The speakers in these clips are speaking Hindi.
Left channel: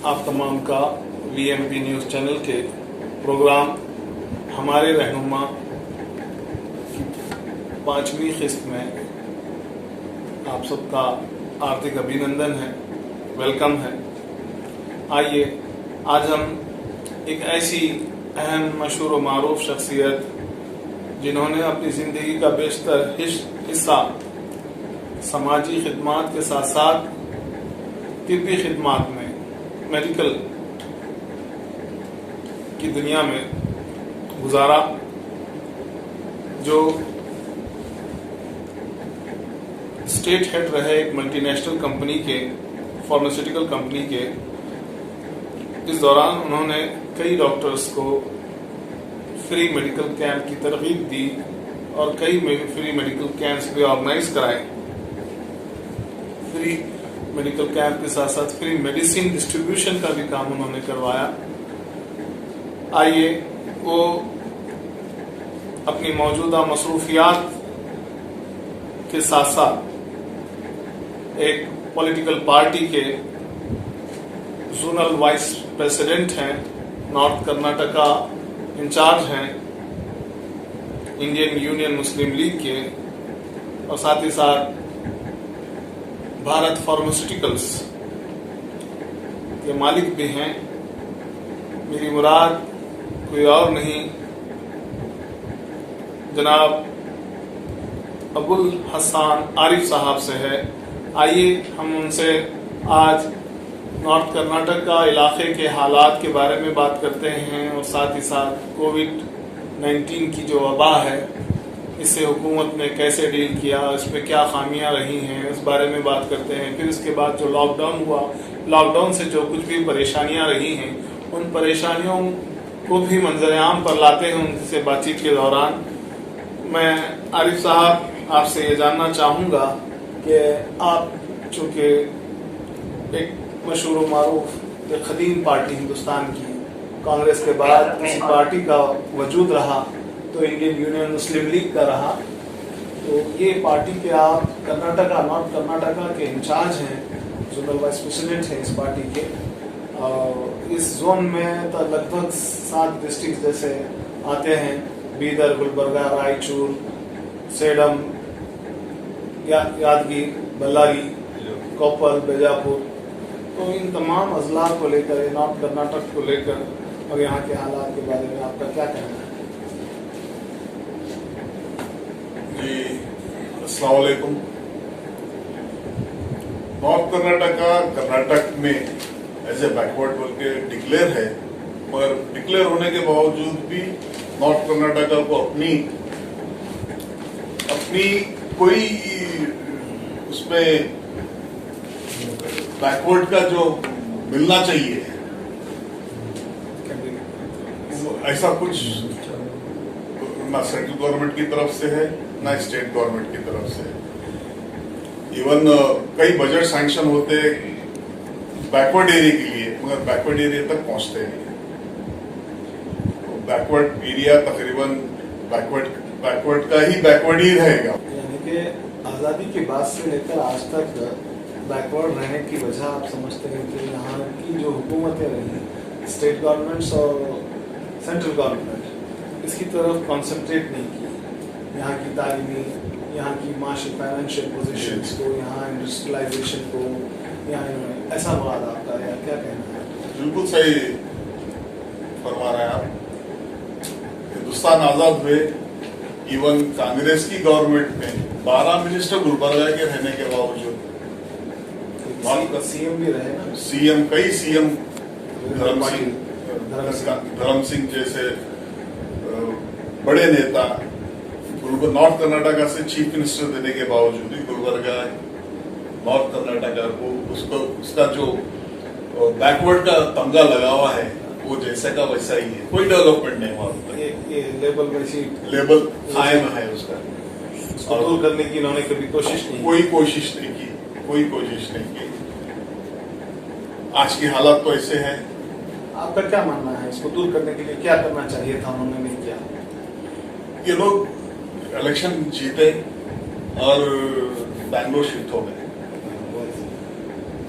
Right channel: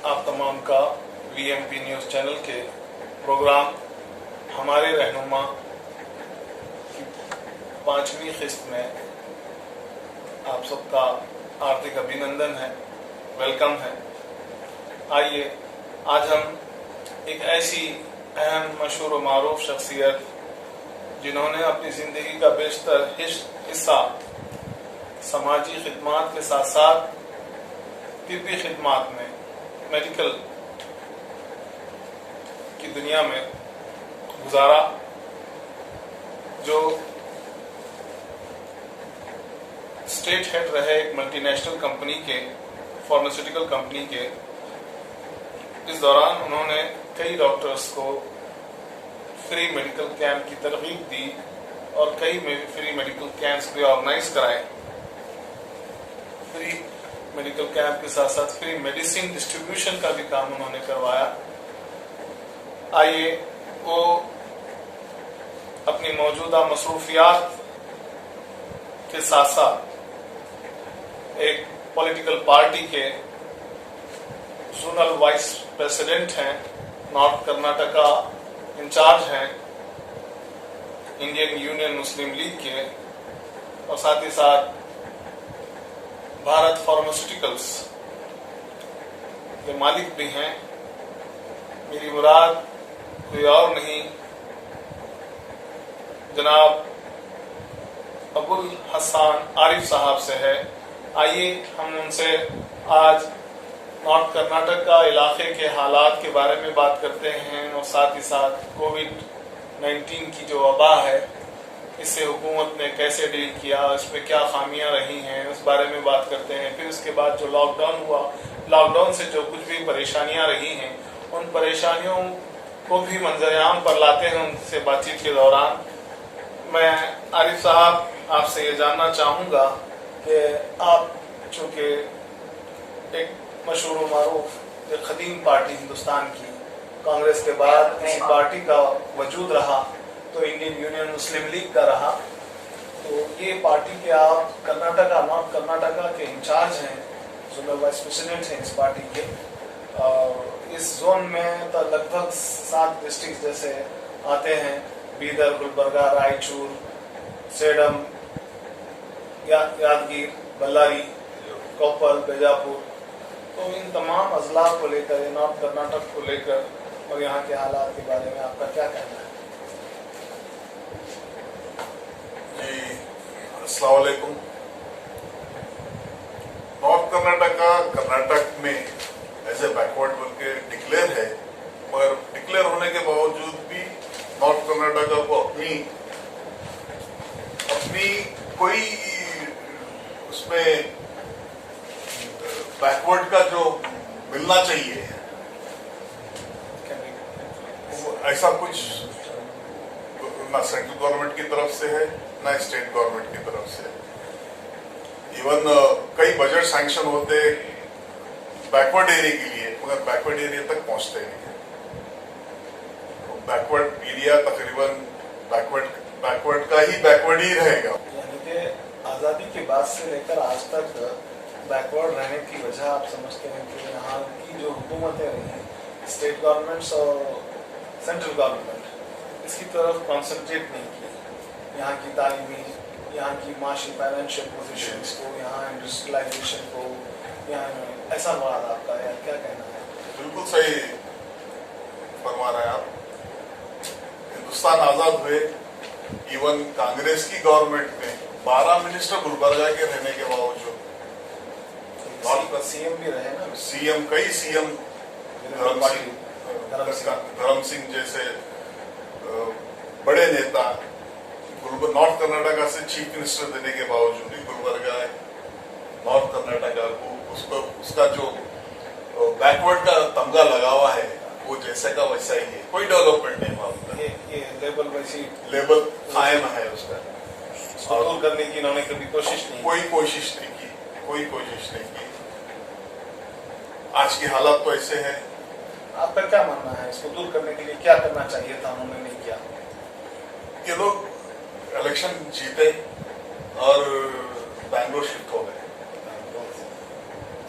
आप तमाम का वीएमपी न्यूज़ चैनल के प्रोग्राम हमारे रहनुमा की 5वीं किस्त में आप सबका हार्दिक अभिनंदन है, वेलकम है। आइए आज हम एक ऐसी अहम, मशहूर व मारूफ शख्सियत जिन्होंने अपनी ज़िंदगी का बेशतर हिस्सा समाजी खिदमात के साथ साथ तिब्बी खिदमात में, मेडिकल की दुनिया में गुजारा, जो स्टेट हेड रहे एक मल्टीनेशनल कंपनी के, फार्मास्यूटिकल कंपनी के। इस दौरान उन्होंने कई डॉक्टर्स को फ्री मेडिकल कैंप की तरगीब दी और कई फ्री मेडिकल कैंप्स भी ऑर्गेनाइज कराए। फ्री मेडिकल कैंप के साथ साथ फ्री मेडिसिन डिस्ट्रीब्यूशन का भी काम उन्होंने करवाया। आइए वो अपनी मौजूदा मसरूफियात के साथ साथ एक पॉलिटिकल पार्टी के जोनल वाइस प्रेसिडेंट हैं, नॉर्थ कर्नाटका इंचार्ज हैं इंडियन यूनियन मुस्लिम लीग के, और साथ ही साथ भारत फार्मास्यूटिकल्स के मालिक भी हैं। मेरी मुराद कोई और नहीं, जनाब अबुल हसन आरिफ साहब से है। आइए हम उनसे आज नॉर्थ कर्नाटक का इलाके के हालात के बारे में बात करते हैं और साथ ही साथ कोविड-19 की जो वबा है, इससे हुकूमत ने कैसे डील किया, इसमें क्या खामियां रही हैं, उस बारे में बात करते हैं। फिर उसके बाद जो लॉकडाउन हुआ, लॉकडाउन से जो कुछ भी परेशानियां रही हैं, उन परेशानियों को भी मंजर-ए-आम पर लाते हैं उनसे बातचीत के दौरान। मैं आरिफ साहब आपसे ये जानना चाहूँगा कि आप चूँकि एक मशहूर मारूफ एक कदीम पार्टी हिंदुस्तान की, कांग्रेस के बाद किसी पार्टी का वजूद रहा तो इंडियन यूनियन मुस्लिम लीग का रहा, तो ये पार्टी के आप कर्नाटका, नॉर्थ कर्नाटका के इंचार्ज हैं, जोनल वाइस प्रेसिडेंट हैं इस पार्टी के। इस जोन में तो लगभग 7 डिस्ट्रिक्ट जैसे आते हैं, बीदर, गुलबर्गा, रायचूर, सेडम, यादगीर, बल्लारी, कोप्पल, बीजापुर। तो इन तमाम अजला को लेकर, नॉर्थ कर्नाटक को लेकर और यहाँ के हालात के बारे में आपका क्या कहना है? जी, अस्सलाम वालेकुम। नॉर्थ कर्नाटक में ऐसे बैकवर्ड बोल के डिक्लेयर है, पर डिक्लेयर होने के बावजूद भी नॉर्थ कर्नाटका को अपनी कोई उसमें बैकवर्ड का जो मिलना चाहिए ऐसा कुछ ना सेंट्रल गवर्नमेंट की तरफ से है, ना स्टेट गवर्नमेंट की तरफ से। इवन कई बजट सैंक्शन होते बैकवर्ड एरिया के लिए, मगर बैकवर्ड एरिया तक पहुंचते नहीं। तो बैकवर्ड एरिया तकरीबन बैकवर्ड का ही बैकवर्ड ही रहेगा। यानी कि आजादी के बाद से लेकर आज तक बैकवर्ड रहने की वजह आप समझते हैं कि यहाँ की जो हुकूमतें रही, स्टेट गवर्नमेंट्स और सेंट्रल गवर्नमेंट, इसकी तरफ कॉन्सेंट्रेट नहीं की। यहाँ की तालीमी, यहाँ की माशी फाइनेंशियल पोजीशंस को, यहाँ इंडस्ट्रियलाइजेशन को, यहाँ ऐसा मुराद आपका है, क्या कहना है? बिल्कुल सही फरमा रहे हैं आप। हिंदुस्तान आजाद हुए, इवन कांग्रेस की गवर्नमेंट में 12 मिनिस्टर गुलबर्गा के रहने के बावजूद, सीएम भी रहे ना, कई सीएम धर्म सिंह जैसे बड़े नेता नॉर्थ कर्नाटका से चीफ मिनिस्टर देने के बावजूद भी गुलबर्गा नॉर्थ कर्नाटका को उसका जो बैकवर्ड का तमगा लगा हुआ है, वो जैसे का वैसा ही है, कोई डेवलपमेंट नहीं हुआ। ये लेबल वैसी लेबल कायम है उसका, और दूर करने की इन्होंने कभी कोशिश नहीं, कोई कोशिश नहीं की। आज की हालत तो ऐसे है। आपका क्या मानना है, इसको दूर करने के लिए क्या करना चाहिए था, उन्होंने नहीं किया? ये लोग इलेक्शन जीते और बैंगलोर शिफ्ट हो गए।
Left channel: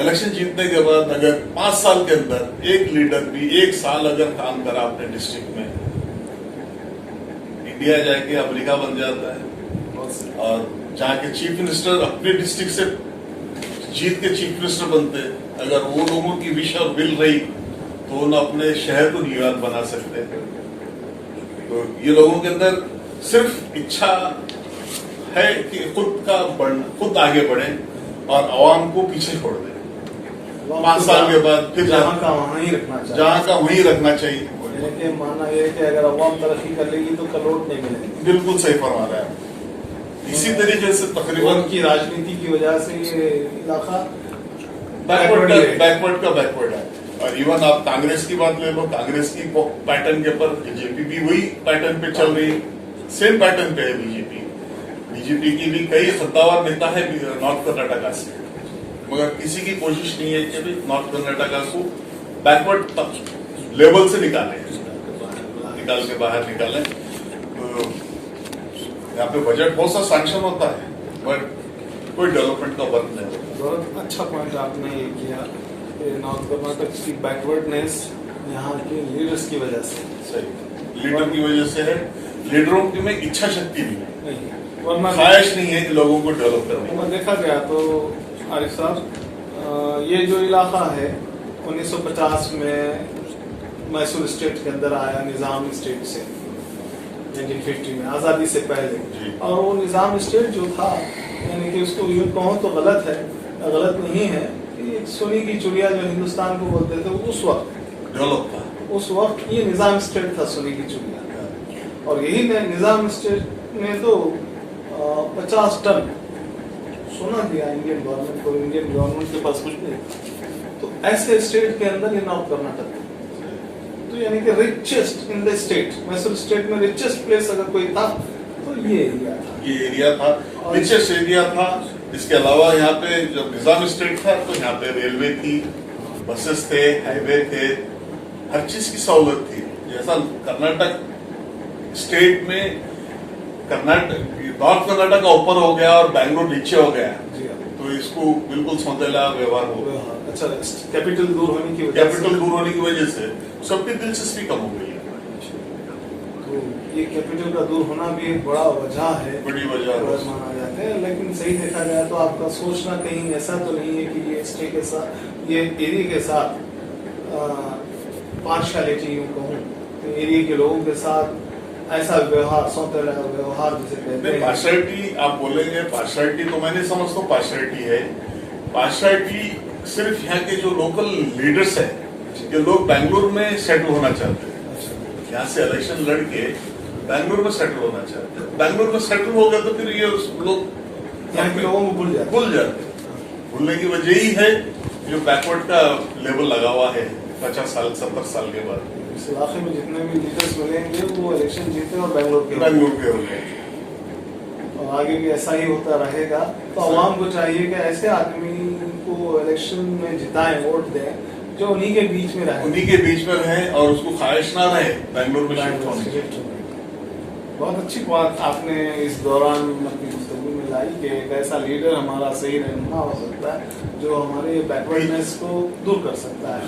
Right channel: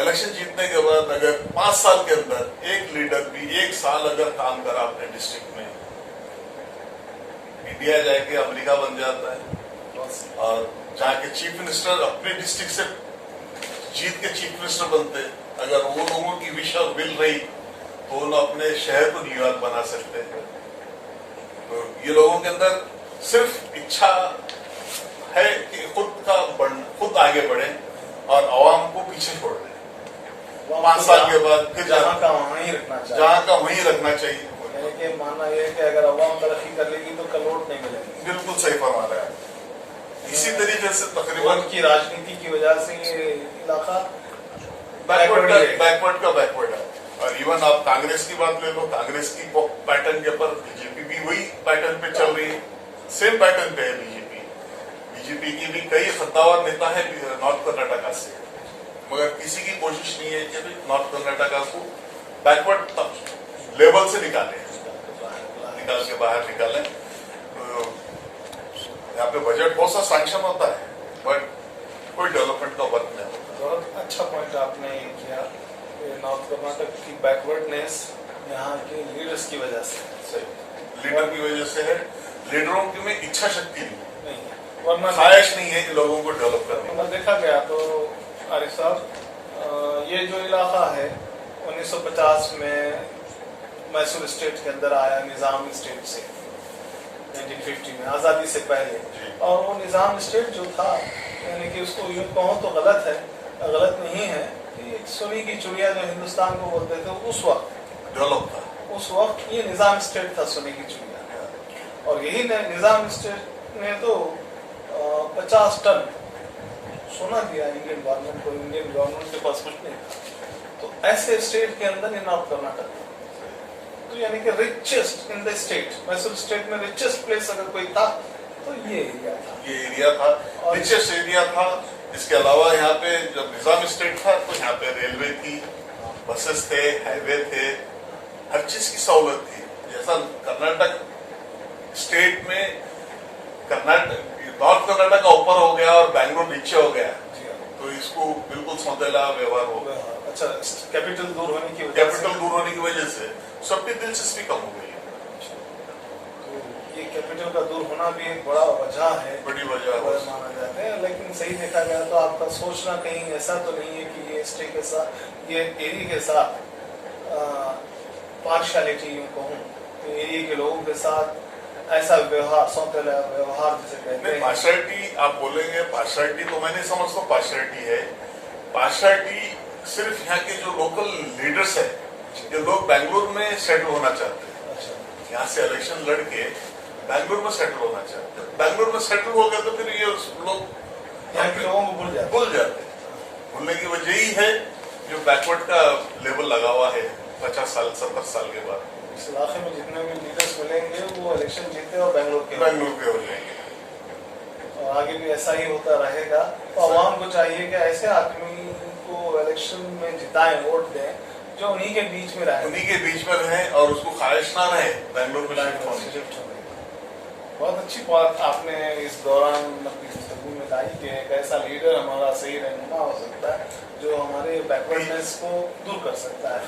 इलेक्शन जीतने के बाद अगर 5 साल के अंदर एक लीडर भी 1 साल अगर काम करा अपने डिस्ट्रिक्ट में, इंडिया जाके अमेरिका बन जाता है। और जहाँ के चीफ मिनिस्टर अपने डिस्ट्रिक्ट से जीत के चीफ मिनिस्टर बनते, अगर वो लोगों की विश और विल रही तो उन्हें अपने शहर को न्यूयॉर्क बना सकते हैं। तो ये लोगों के अंदर सिर्फ इच्छा है कि खुद आगे बढ़े और आवाम को पीछे छोड़ दें। 5 साल के बाद फिर जहाँ का वहीं ही रखना चाहिए, जहाँ का वहीं रखना चाहिए। यानी कि मानना यह है कि अगर अवाम तरक्की कर लेगी तो कलोट नहीं मिलेगी। बिल्कुल सही फरमा रहे हैं। इसी तरीके से तकरीबन की राजनीति की वजह से ये इलाका बैकवर्ड है। और इवन आप कांग्रेस की बात ले लो, कांग्रेस की पैटर्न के ऊपर बीजेपी भी वही पैटर्न पे चल रही है, सेम पैटर्न पे है बीजेपी की भी कई सत्तावार नेता है नॉर्थ कर्नाटका से, मगर किसी की कोशिश नहीं है कि नॉर्थ कर्नाटका को बैकवर्ड लेवल से निकाल के बाहर निकालें। तो यहाँ पे बजट बहुत सा सैंक्शन होता है बट कोई डेवलपमेंट का वर्क नहीं होता। बहुत अच्छा पॉइंट आपने ये किया कि नॉर्थ कर्नाटक की बैकवर्डनेस यहाँ के लीडर्स की वजह से, सही लीडर की वजह से है। लीडरों की में इच्छा शक्ति नहीं है, वरना ख्वाहिश नहीं है लोगों को डेवलप करने की। देखा गया तो आरिफ साहब, ये जो इलाका है 1950 में मैसूर स्टेट के अंदर आया, निजाम स्टेट से 1950 में, आजादी से पहले। और वो निजाम स्टेट जो था, यानी कि उसको यूं कहो तो गलत है, गलत नहीं है, कि सोने की चिड़िया जो हिंदुस्तान को बोलते थे उस वक्त डेवलप था, उस वक्त ये निजाम स्टेट था, सोने की चिड़िया। और यही निजाम स्टेट ने तो 50 टन सोना दिया इंडियन गवर्नमेंट को, इंडियन गवर्नमेंट के पास कुछ नहीं था। तो ऐसे स्टेट के अंदर ये नॉर्थ कर्नाटक, तो यानी कि richest in the state, Mysore state में रिचेस्ट प्लेस अगर कोई था तो ये एरिया था, रिचेस्ट एरिया था। इसके अलावा यहाँ पे जब निजाम स्टेट था तो यहाँ पे रेलवे थी, बसेस थे, हाईवे थे, हर चीज की सहूलत थी। जैसा कर्नाटक स्टेट में नॉर्थ कर्नाटक का ऊपर हो गया और बैंगलोर नीचे हो गया, तो इसको बिल्कुल सौतेला व्यवहार हो गया। अच्छा, कैपिटल दूर होने की वजह से सबकी दिलचस्पी कम हो गई। तो ये कैपिटल का दूर होना भी एक बड़ा वजह है, बड़ी वजह माना जाता है। लेकिन सही देखा जाए तो आपका सोचना कहीं ऐसा तो नहीं है कि ये स्टेट के साथ, ये एरिया के साथ पार्शियलिटी यूं कहूँ, तो एरिया के लोगों के साथ ऐसा व्यवहार, सौतेला व्यवहार जिसे कहते हैं। पार्शियलिटी आप बोलेंगे, पार्शियलिटी तो मैं नहीं समझता पार्शियलिटी है। पार्शियलिटी सिर्फ यहाँ के जो लोकल लीडर्स है, ये लोग बैंगलोर में सेटल होना चाहते हैं। अच्छा। यहाँ से इलेक्शन लड़के बैंगलोर में सेटल होना चाहते हैं। बैंगलोर में सेटल हो गए तो फिर ये लोग यहाँ के लोगों को भूल जाते। भूलने की वजह ही है जो बैकवर्ड का लेवल लगा हुआ है 50 साल 70 साल के बाद। इस इलाके में जितने भी लीडर्स मिलेंगे वो इलेक्शन जीते और बैंगलोर के हो गए, और आगे भी ऐसा ही होता रहेगा। तो आवाम को चाहिए कि ऐसे आदमी को इलेक्शन में जिताएं, वोट दें जो उन्हीं के बीच में रहे और उसको ख्वाहिश ना रहे बैंगलोर में शिफ्ट होने। बहुत अच्छी बात आपने इस दौरान अपनी गुफ्तगू में लाई कि एक ऐसा लीडर हमारा सही रहनुमा हो सकता है जो हमारे बैकवर्डनेस को दूर कर सकता है,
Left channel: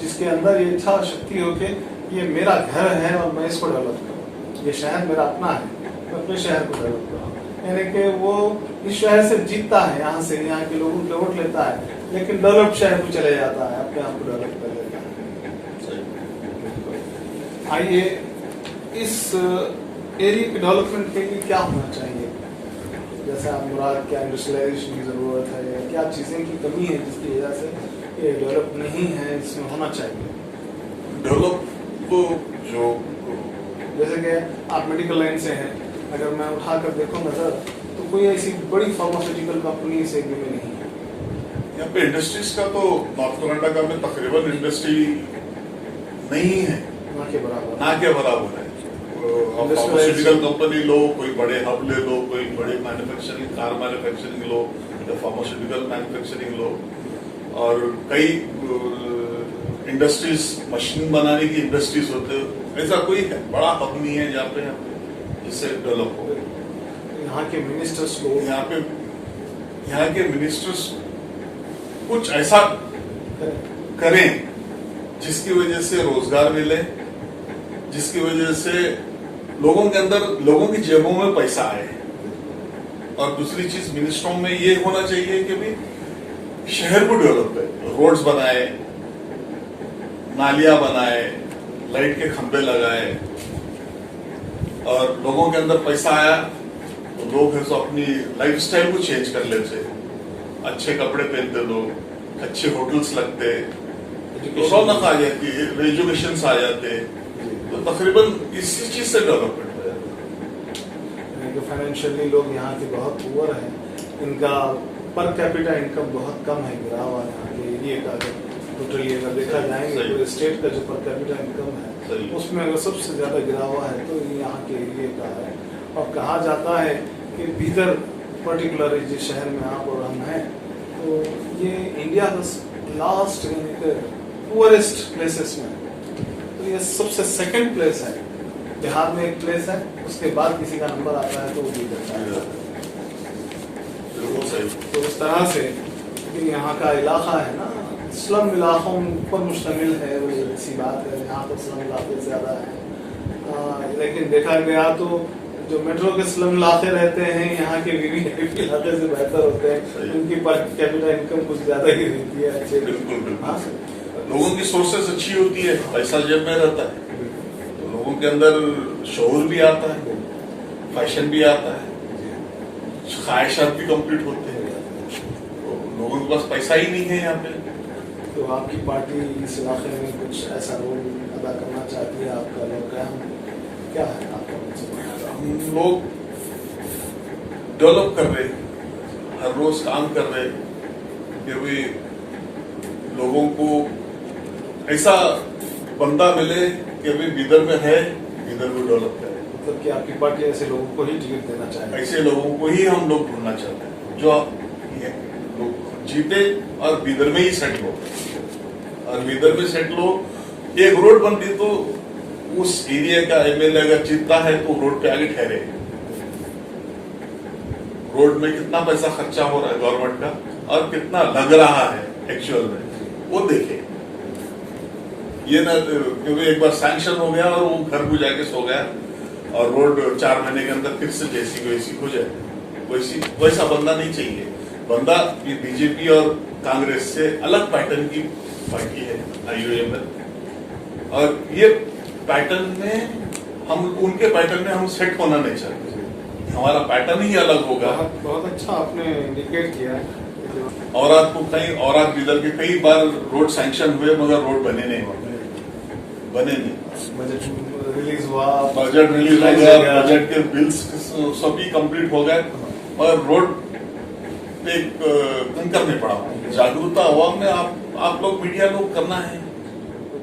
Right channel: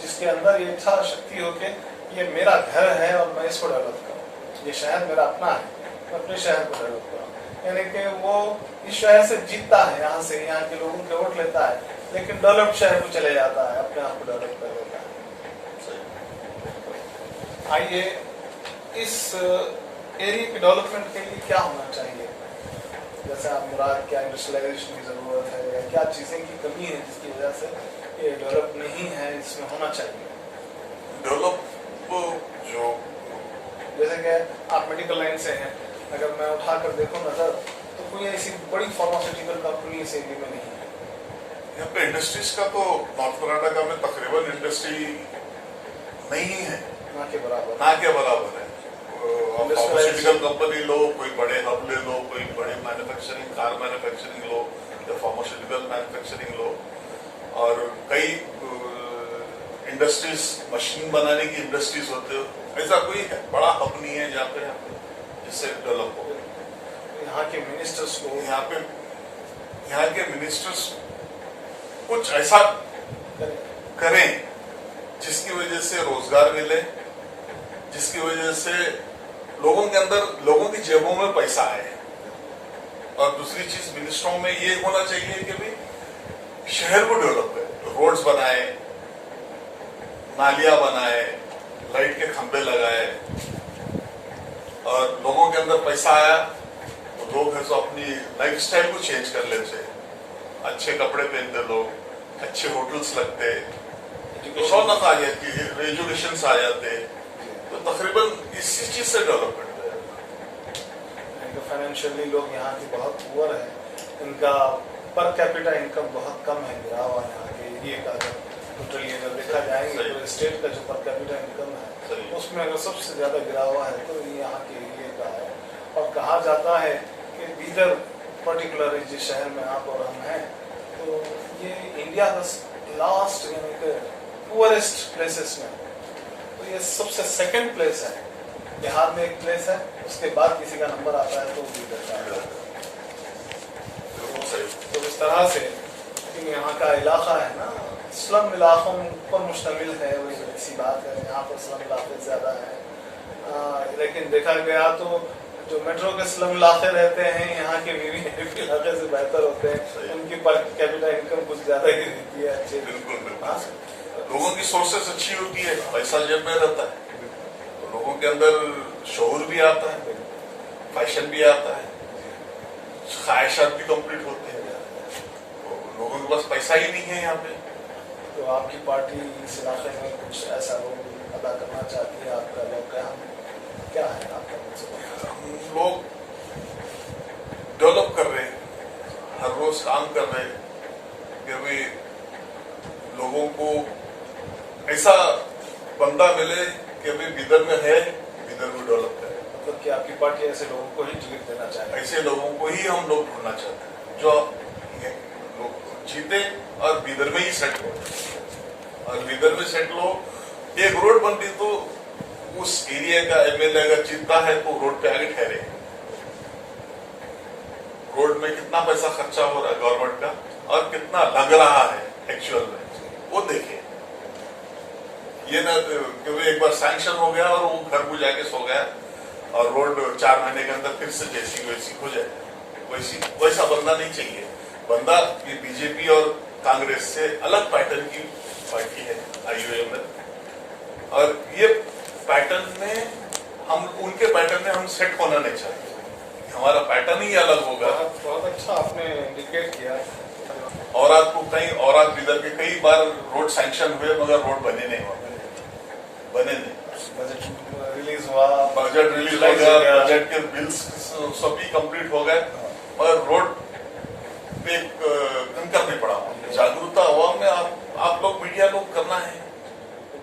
जिसके अंदर ये इच्छा शक्ति हो के ये मेरा घर है और मैं इसको डेवलप करूँ, ये शहर मेरा अपना है, मैं अपने शहर को डेवलप करूँ। यानी कि वो इस शहर से जीतता है, यहाँ से यहाँ के लोगों के वोट लेता है, लेकिन डेवलप शहर को चले जाता है, अपने आप को डेवलप कर लेता है। आइए, इस एरिया के डेवलपमेंट के लिए क्या होना चाहिए? जैसे आप मुराद, क्या इंडस्ट्रियलाइजेशन की जरूरत है या क्या चीजें की कमी है जिसकी वजह से ये डेवलप नहीं है, इसमें होना चाहिए? डेवलप को जो जैसे कि आप मेडिकल लाइन से हैं, अगर मैं उठाकर देखूं नजर, तो कोई ऐसी बड़ी फार्मास्यूटिकल कंपनी इस एरिया में नहीं है। यहाँ पे इंडस्ट्रीज का तो नॉर्थ कर्नाटका में तकरीबन इंडस्ट्री नहीं है, ना के बराबर है। फार्मास्यूटिकल कंपनी लो, कोई बड़े हब ले लो, कोई बड़े मैन्युफैक्चरिंग, कार मैन्युफैक्चरिंग लो या फार्मास्यूटिकल मैन्युफैक्चरिंग लो, और कई इंडस्ट्रीज, मशीन बनाने की इंडस्ट्रीज होते, ऐसा कोई बड़ा हब नहीं है जहाँ पे जिससे डेवलप हो। यहाँ के मिनिस्टर्स को, यहाँ के मिनिस्टर्स कुछ ऐसा करें। करें जिसकी वजह से रोजगार मिले, जिसकी वजह से लोगों के अंदर, लोगों की जेबों में पैसा आए। और दूसरी चीज मिनिस्ट्रों में ये होना चाहिए कि भी शहर को डेवलप करें, रोड्स बनाए, नालियां बनाए, लाइट के खंभे लगाए, और लोगों के अंदर पैसा आया तो लोग है तो अपनी लाइफस्टाइल को चेंज कर लेते, अच्छे कपड़े पहनते लोग, अच्छे होटल्स लगते, तो रौनक आ जाती, एजुकेशन आ जाते, तो तकरीबन इसी चीज से डेवलपमेंट हो जाता। फाइनेंशियली लोग यहाँ के बहुत पुअर हैं, इनका पर कैपिटा इनकम बहुत कम है, गिरा हुआ है यहाँ के एरिया का। अगर टोटली अगर देखा जाएंगे पूरे स्टेट का जो पर कैपिटा इनकम है उसमें अगर सबसे ज्यादा गिरा हुआ है तो ये यहाँ के एरिया का है। और कहा जाता है कि बीदर पर्टिकुलर जिस शहर में आप और हम हैं, तो ये इंडिया का लास्ट यानी कि पुअरेस्ट प्लेसेस में, तो ये सबसे सेकंड प्लेस है। बिहार में एक प्लेस है, उसके बाद किसी का नंबर आता है तो वो बीदर का है। तो इस तरह से यहाँ का इलाका है ना, स्लम इलाकों पर मुश्तमिल है, वो ऐसी बात है, यहाँ पर स्लम इलाके ज्यादा है। लेकिन देखा गया तो जो मेट्रो के स्लम इलाके रहते हैं यहाँ के वीवीआईपी इलाके से बेहतर होते हैं, उनकी पर कैपिटा इनकम कुछ ज्यादा ही रहती है। अच्छे बिल्कुल लोगों की सोर्सेस अच्छी होती है, पैसा जेब में रहता है, तो लोगों के अंदर शऊर भी आता है, फैशन भी आता है, ख्वाहिशात भी कंप्लीट होते हैं, तो लोगों के पास पैसा ही नहीं है यहाँ पे। तो आपकी पार्टी इस इलाके में कुछ ऐसा रोल अदा करना चाहती है? आपका लोग क्या है आपका मतलब? हम लोग डेवलप कर रहे, हर रोज काम कर रहे, फिर भी लोगों को ऐसा बंदा मिले कि अभी बीदर में है, बीदर को डेवलप करे। मतलब कि आपकी पार्टी ऐसे लोगों को ही टिकट देना चाहती है? ऐसे लोगों को ही हम लोग ढूंढना चाहते हैं जो लोग जीते और बीदर में ही सेटल हो, और बीदर में सेटल हो। एक रोड बनती तो उस एरिया का एमएलए अगर जीतता है तो रोड पे आगे ठहरे। रोड में कितना पैसा खर्चा हो रहा है गवर्नमेंट का और कितना लग रहा है एक्चुअल में, वो देखे। ये ना क्योंकि एक बार सैंक्शन हो गया और वो घर को जाके सो गया और रोड 4 महीने के अंदर फिर से जैसी वैसी हो जाए, वैसा बंदा नहीं चाहिए। बंदा ये बीजेपी और कांग्रेस से अलग पैटर्न की पार्टी है आईयूएमएल, और ये पैटर्न में हम उनके पैटर्न में हम सेट होना नहीं चाहते, हमारा पैटर्न ही अलग होगा। बहुत अच्छा आपने इंडिकेट किया। और आज तो कई और आज बीदर के कई बार रोड सैंक्शन हुए मगर रोड बने नहीं। बजट रिलीज हुआ, बजट रिलीज हो गया, बजट के बिल्स सभी कंप्लीट हो गए और रोड पे कंकर नहीं पड़ा। जागरूकता हुआ में आप लोग मीडिया लोग करना है। तो